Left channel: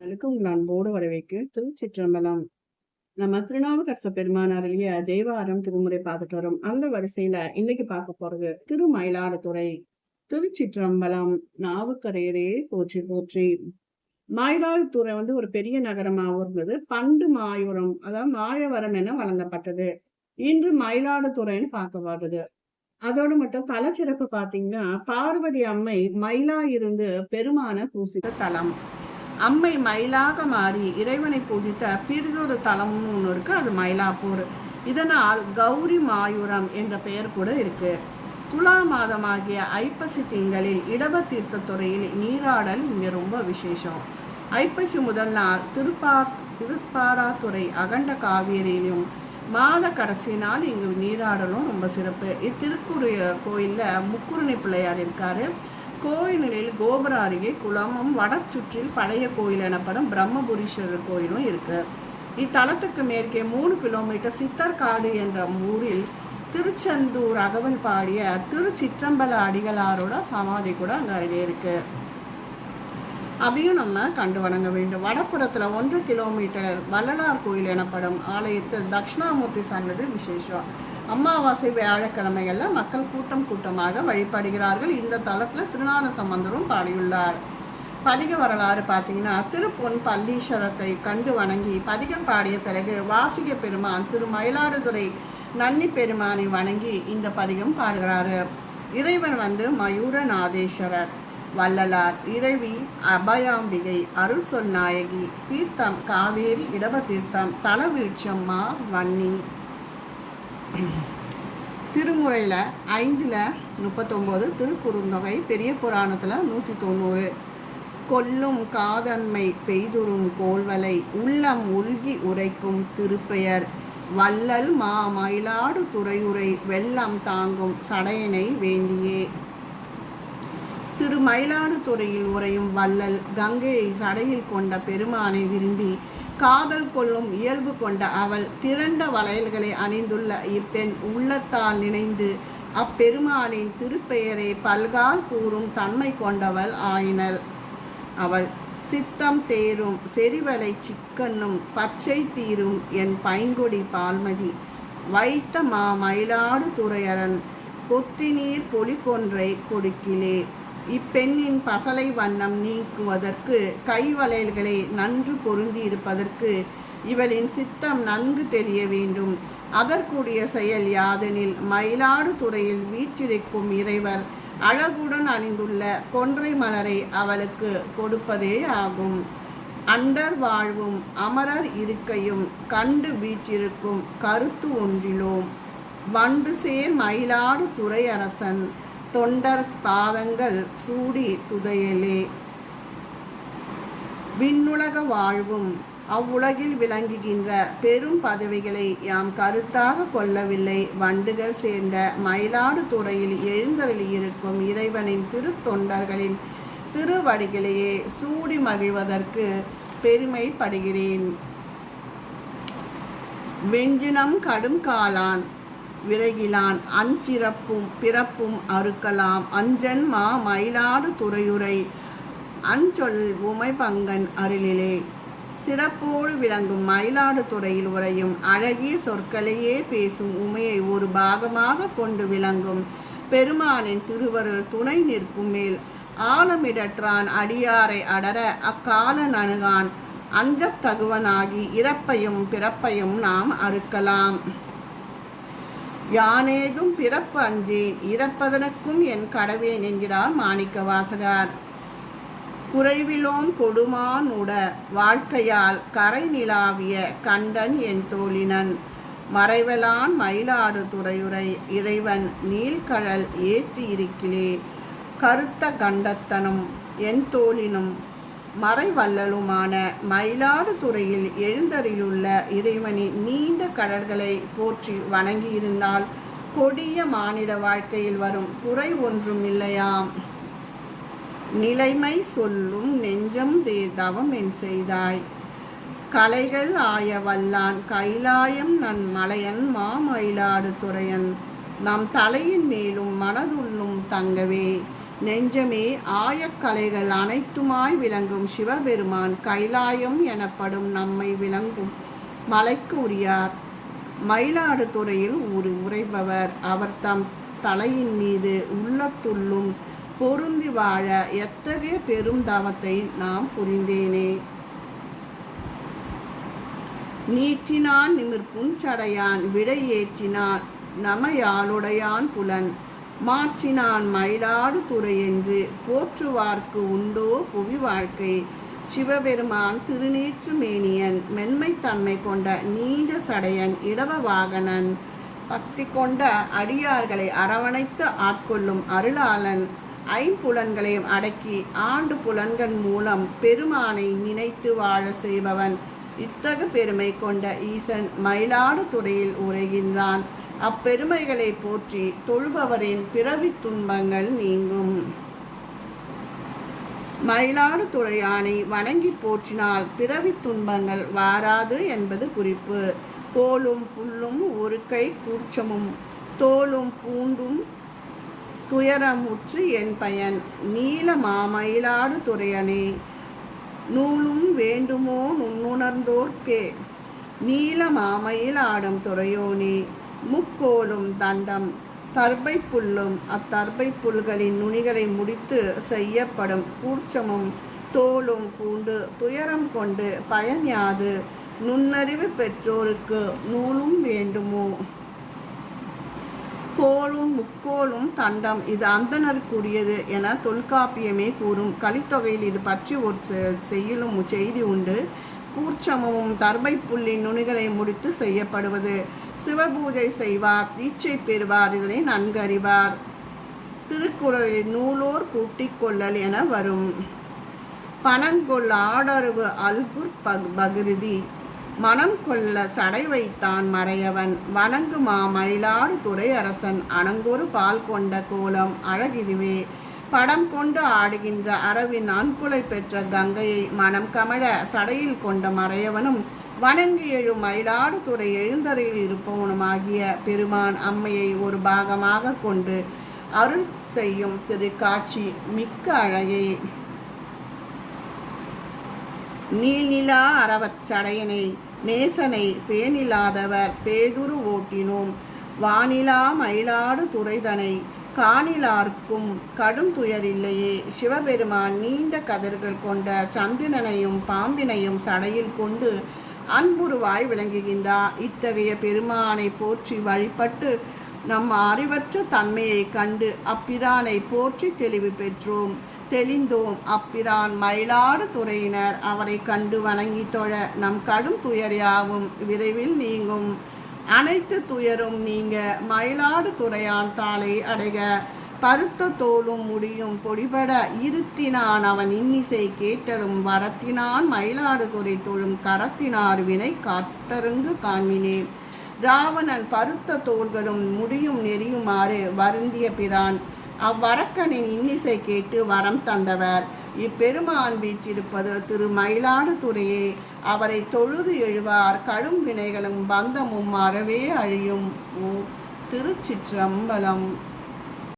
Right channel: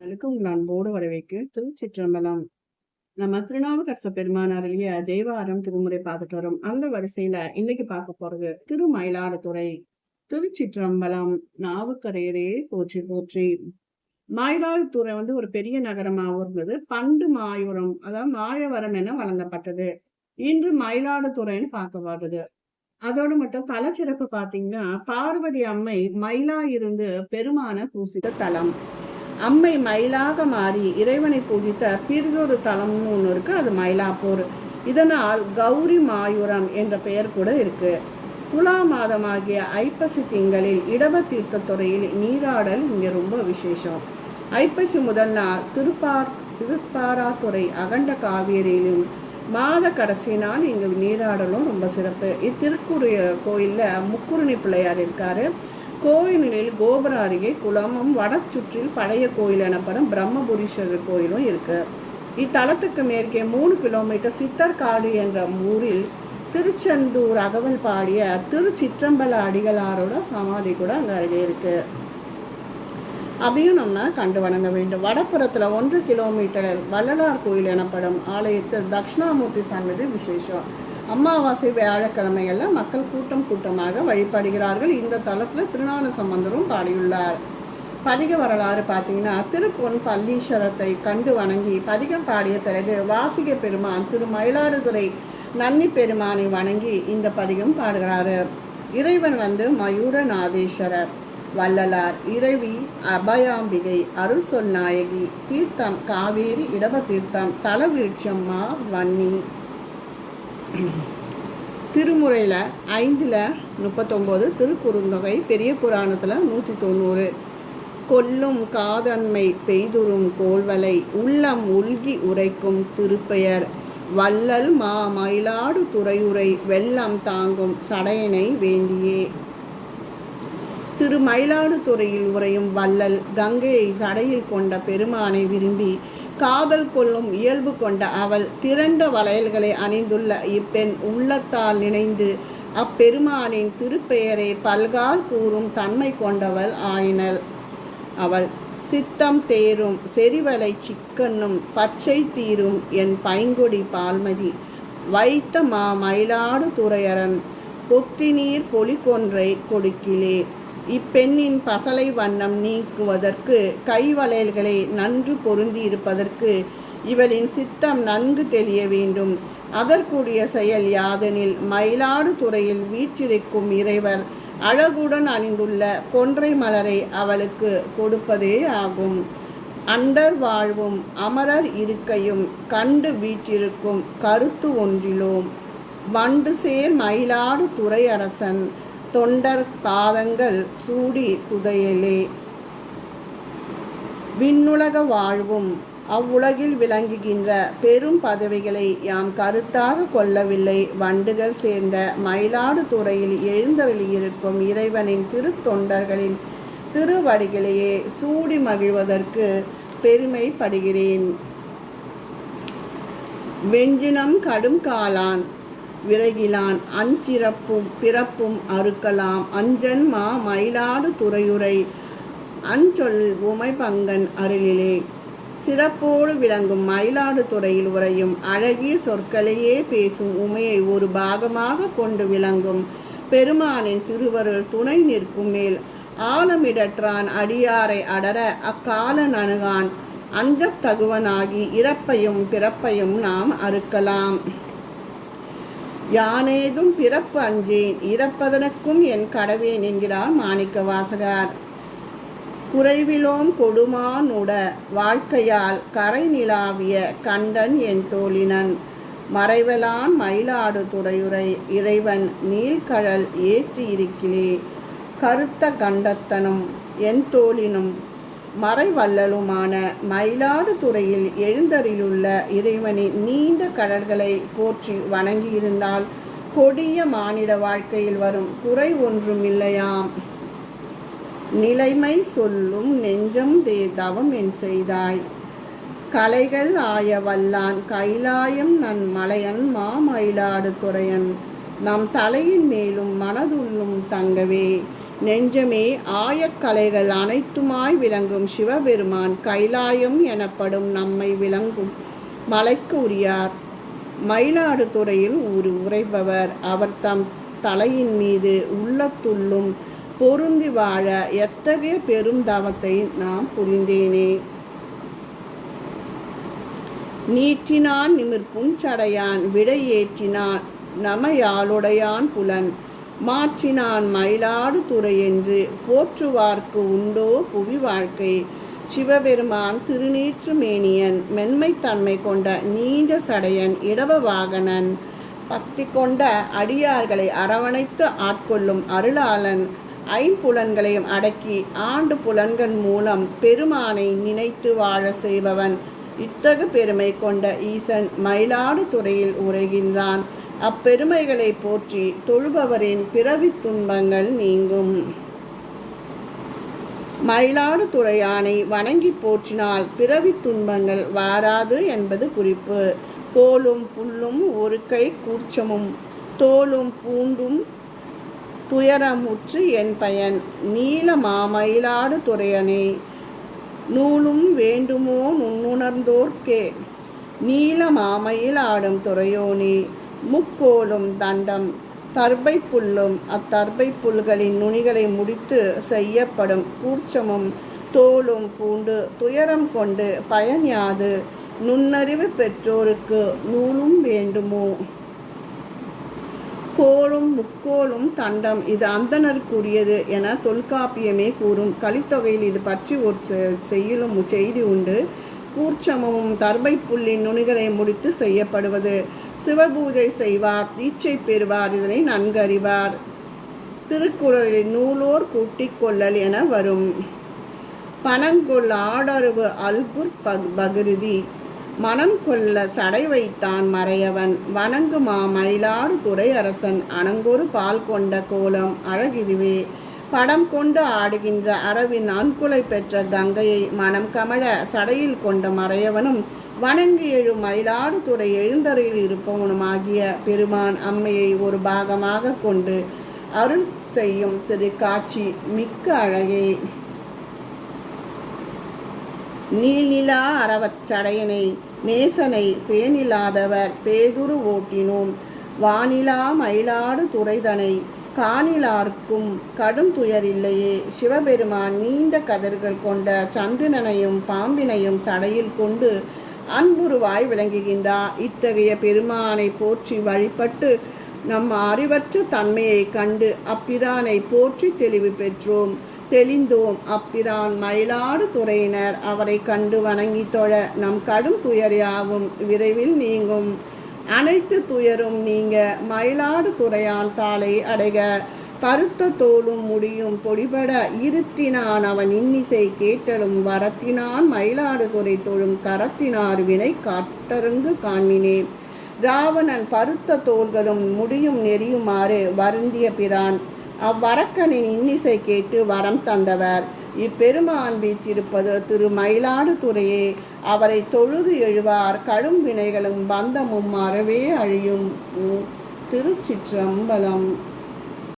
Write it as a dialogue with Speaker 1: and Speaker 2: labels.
Speaker 1: சேனலுக்கு உங்கள் அன்போடு வரவேற்கு திருச்சிற்றம்பலம். நம்ம திருநாவுக்கரச பெருமானார் அருளிய தேவாரம் திருமுறை பார்த்துட்டு வரோம் அந்த வரிசையில இன்னைக்கு பார்க்க போறது திருமயிலாடுதுறை. திருச்சிற்றம்பலம் நாவுக்கரையரே போற்றி போற்றி. மயிலாடுதுறை வந்து ஒரு பெரிய நகரமாகவும் இருந்தது. பண்டு மாயூரம் அதாவது மாயவரம் என வழங்கப்பட்டது. இன்று மயிலாடுதுறைன்னு பார்க்கப்படுது அதோடு மட்டும் தலச்சிறப்பு பாத்தீங்கன்னா பார்வதி அம்மை மயிலா இருந்து பெருமான பூசித்த தலம். அம்மை மயிலாக மாறி இறைவனை பூஜித்த பிறிதொரு தலமும் ஒன்று இருக்கு அது மயிலாப்பூர். இதனால் கௌரி மாயூரம் என்ற பெயர் கூட இருக்கு. துலா மாதமாகிய ஐப்பசி திங்களில் இடப தீர்த்தத்துறையில் நீராடல் இங்கே ரொம்ப விசேஷம். ஐப்பசி முதல் நாள் திருப்பார் திருப்பாராத்துறை அகண்ட காவேரியிலும் மாத கடைசி நாள் இங்கு நீராடலும் ரொம்ப சிறப்பு. இத்திருக்குரிய கோயிலில் முக்குருணி பிள்ளையார் இருக்காரு. கோயிலில் கோபுர அருகே குளமும் வடச்சுற்றில் பழைய கோயில் எனப்படும் பிரம்மபுரீஸ்வரர் கோயிலும் இருக்கு. இத்தலத்துக்கு மேற்கே மூணு கிலோமீட்டர் சித்தர்காடு என்ற ஊரில் திருச்செந்தூர் அகவல் பாடிய திருச்சிற்றம்பல அடிகளாரோட சமாதி கூட அங்கே அருகே இருக்கு. அதையும் நம்ம கண்டு வணங்க வேண்டும். வடப்புறத்துல ஒன்று கிலோமீட்டர் வள்ளலார் கோயில் எனப்படும் ஆலயத்தில் தட்சிணாமூர்த்தி சன்னதி விசேஷம். அமாவாசை வியாழக்கிழமைகள்ல மக்கள் கூட்டம் கூட்டமாக வழிபடுகிறார்கள். இந்த தளத்தில் திருநான சம்பந்தரும் பாடியுள்ளார். பதிக வரலாறு பார்த்தீங்கன்னா திருப்பொன் பல்லீஸ்வரத்தை கண்டு வணங்கி பதிகம் பாடிய பிறகு வாசிக பெருமான் திரு மயிலாடுதுறை நன்னி பெருமானை வணங்கி இந்த பதிகம் பாடுகிறாரு. இறைவன் வந்து மயூரநாதேஸ்வரர் வள்ளலார் இறைவி அபயாம்பிகை அருள் சொல் நாயகி தீர்த்தம் காவேரி இடப தீர்த்தம் தலவிருட்சம் மா வன்னி திருமுறையில் ஐந்தில் முப்பத்தொம்போது திருக்குறுந்தொகை பெரிய புராணத்தில் நூற்றி தொண்ணூறு. கொல்லும் காதன்மை பெய்துறும் கோள்வலை உள்ளம் உள்கி உரைக்கும் திருப்பெயர். வள்ளல் மா மயிலாடு துறையுரை வெள்ளம் தாங்கும் சடையனை வேண்டியே. திரு மயிலாடுதுறையில் உரையும் வள்ளல் கங்கையை சடையில் கொண்ட பெருமானை விரும்பி காதல் கொள்ளும் இயல்பு கொண்ட அவள் திறந்த வளையல்களை அணிந்துள்ள இப்பெண் உள்ளத்தால் நினைந்து அப்பெருமானின் திருப்பெயரை பல்கால் கூறும் தன்மை கொண்டவள் ஆயினள். அவள் சித்தம் தேரும் செறிவலை சிக்கன்னும் பச்சை தீரும் என் பைங்கொடி பால்மதி. வைத்த மா மயிலாடு துறையரன் கொத்தினீர் பொலிகொன்றை கொடுக்கிலே. இப்பெண்ணின் பசலை வண்ணம் நீக்குவதற்கு கைவளையல்களை நன்று பொருந்தி இருப்பதற்கு இவளின் சித்தம் நன்கு தெரிய வேண்டும். அதற்குரிய செயல் யாதெனில் மயிலாடுதுறையில் வீற்றிருக்கும் இறைவர் அழகுடன் அணிந்துள்ள கொன்றை மலரை அவளுக்கு கொடுப்பதே ஆகும். அண்டர் வாழ்வும் அமரர் இருக்கையும் கண்டு வீற்றிருக்கும் கருத்து ஒன்றிலோம். வண்டு சேர் மயிலாடு துறை அரசன் தொண்டர் பாதங்கள் சூடி துதையலே. விண்ணுலக வாழ்வும் அவ்வுலகில் விளங்குகின்ற பெரும் பதவிகளை யாம் கருத்தாக கொள்ளவில்லை. வண்டுகள் சேர்ந்த மயிலாடு துறையில் எழுந்தருளியிருக்கும் இறைவனின் திருத்தொண்டர்களின் திருவடிகளையே சூடி மகிழ்வதற்கு பெருமைப்படுகிறேன். வெஞ்சினம் கடும் காலான் விரைகிலான் அஞ்சிறப்பும் பிறப்பும் அறுக்கலாம். அஞ்சன் மா மயிலாடு துறையுரை அஞ்சொல் உமைபங்கன் அருளிலே. சிறப்போடு விளங்கும் மயிலாடு துறையில் உரையும் அழகிய சொற்களையே பேசும் உமையை ஒரு பாகமாக கொண்டு விளங்கும். பெருமானின் திருவருள் துணை நிற்கும் மேல் ஆலமிடற்றான் அடியாரை அடர அக்காலன் அணுகான். அஞ்சத் தகுவனாகி இறப்பையும் பிறப்பையும் நாம் அறுக்கலாம். யானேதும் பிறப்பு அஞ்சேன் இறப்பதற்கும் என் கடவேன் என்கிறார் மாணிக்க வாசகார் குறைவிலோன் கொடுமான் உட வாழ்க்கையால் கரை நிலாவிய கண்டன் என் தோழினன். மறைவலான் மயிலாடு துறையுரை இறைவன் நீல்கழல் ஏத்தி இருக்கிலே கருத்த கண்டத்தனும் என் தோழினும் மறைவல்லலுமான மயிலாடுதுறையில் துறையில் இறைவனின் நீண்ட கடல்களை போற்றி வணங்கியிருந்தால் கொடிய மானிட வாழ்க்கையில் வரும் குறை ஒன்றும் இல்லையாம். நிலைமை சொல்லும் நெஞ்சம் தே தவம் என் செய்தாய். கலைகள் ஆய வல்லான் கைலாயம் நன் மலையன் மாமயிலாடு துறையன் நம் தலையின் மேலும் மனதுள்ளும் தங்கவே. நெஞ்சமே ஆயக்கலைகள் அனைத்துமாய் விளங்கும் சிவபெருமான் கைலாயம் எனப்படும் நம்மை விளங்கும் மலைக்கு உரியார் மயிலாடுதுறையில் ஒரு உரைபவர் அவர் தம் தலையின் மீது உள்ளத்துள்ளும் பொருந்தி வாழ எத்தகைய பெரும் தவத்தை நாம் புரிந்தேனே? நீற்றினான் நிமிர்ப்பும் சடையான் விடை ஏற்றினான் நமையாளுடையான் புலன். மாற்றினான் மயிலாடு துறை என்று போற்றுவார்க்கு உண்டோ புவி வாழ்க்கை. சிவபெருமான் திருநீற்று மேனியன் மென்மைத்தன்மை கொண்ட நீண்ட சடையன் இடவ வாகனன் பக்தி கொண்ட அடியார்களை அரவணைத்து ஆட்கொள்ளும் அருளாளன் ஐம்புலன்களையும் அடக்கி ஆண்டு புலன்கள் மூலம் பெருமானை நினைத்து வாழ செய்பவன் இத்தகு பெருமை கொண்ட ஈசன் மயிலாடுதுறையில் உரைகின்றான். அப்பெருமைகளை போற்றி தொழுபவரின் பிறவி துன்பங்கள் நீங்கும். மயிலாடுதுறை துறையானை வணங்கி போற்றினால் பிறவி துன்பங்கள் வாராது என்பது குறிப்பு. கோலும் புல்லும் ஒரு கை கூச்சமும் தோலும் பூண்டும் துயரமுற்று என் பயன். நீல மாமயிலாடு துறையனே நூலும் வேண்டுமோ நுண்ணுணர்ந்தோர்க்கே நீல மாமையில் ஆடும் துறையோனே முக்கோலும் தண்டம் தர்பை புல்லும் அத்தர்பை புல்களின் நுனிகளை முடித்து செய்யப்படும் கூர்ச்சமும் தோலும் பூண்டு துயரம் கொண்டு பயன் யாது? நுண்ணறிவு பெற்றோருக்கு நூலும் வேண்டுமோ? கோலும் முக்கோலும் தண்டம் இது அந்தனருக்குரியது என தொல்காப்பியமே கூறும். கலித்தொகையில் இது பற்றி ஒரு செய்யலும் செய்தி உண்டு. கூர்ச்சமும் தர்பை புல்லின் நுனிகளை முடித்து செய்யப்படுவது. சிவபூஜை செய்வார் தீட்சை பெறுவார் இதனை நன்கறிவார் திருக்குறளில் நூலோர் கூட்டிக் கொள்ளல் என வரும். பணங்கொள் ஆடருவு அல்குர் பக் பகிருதி. மனம் கொள்ள சடை வைத்தான் மறையவன். வணங்குமா மயிலாடு துறை அரசன். அணங்கொரு பால் கொண்ட கோலம் அழகிதுவே. படம் கொண்டு ஆடுகின்ற அரவின் அன்புலை பெற்ற கங்கையை மனம் கமழ சடையில் கொண்ட மறையவனும் வணங்கி எழும் மயிலாடுதுறை எழுந்தறையில் இருப்பவனுமாகிய பெருமான் அம்மையை ஒரு பாகமாக கொண்டு அருள் செய்யும் திருக்காட்சி மிக்க அழகே. நீல்நிலா அறவச்சடையினை நேசனை பேணிலாதவர் பேதுரு ஓட்டினோம். வானிலா மயிலாடு துறைதனை காலிலார்க்கும் கடும் துயரில்லையே. சிவபெருமான் நீண்ட கதர்கள் கொண்ட சந்திரனையும் பாம்பினையும் சடையில் கொண்டு அன்புருவாய் விளங்குகின்றார். இத்தகைய பெருமானை போற்றி வழிபட்டு நம் அறிவற்ற தன்மையை கண்டு அப்பிரானை போற்றி தெளிவு பெற்றோம். தெளிந்தோம். அப்பிரான் மயிலாடு துறையினர் அவரை கண்டு வணங்கி தொழ நம் கடும் துயர் யாவும். விரைவில் நீங்கும். அனைத்து துயரும் நீங்க. மயிலாடு துறையான் தாளை அடைக. பருத்த தோலும் முடியும் பொடிபட. இருத்தினான் அவன் இன்னிசை கேட்டலும் வரத்தினான். மயிலாடுதுறை தொழும் கரத்தினார் வினை காட்டருந்து காண்மினே ராவணன் பருத்த தோள்களும் முடியும் நெறியுமாறு வருந்திய பிரான். அவ்வரக்கனின் இன்னிசை கேட்டு வரம் தந்தவர். இப்பெருமான் வீற்றிருப்பது திரு மயிலாடுதுறையே அவரை தொழுது எழுவார் கடும் வினைகளும் பந்தமும் அறவே அழியும். திருச்சிற்றம்பலம்.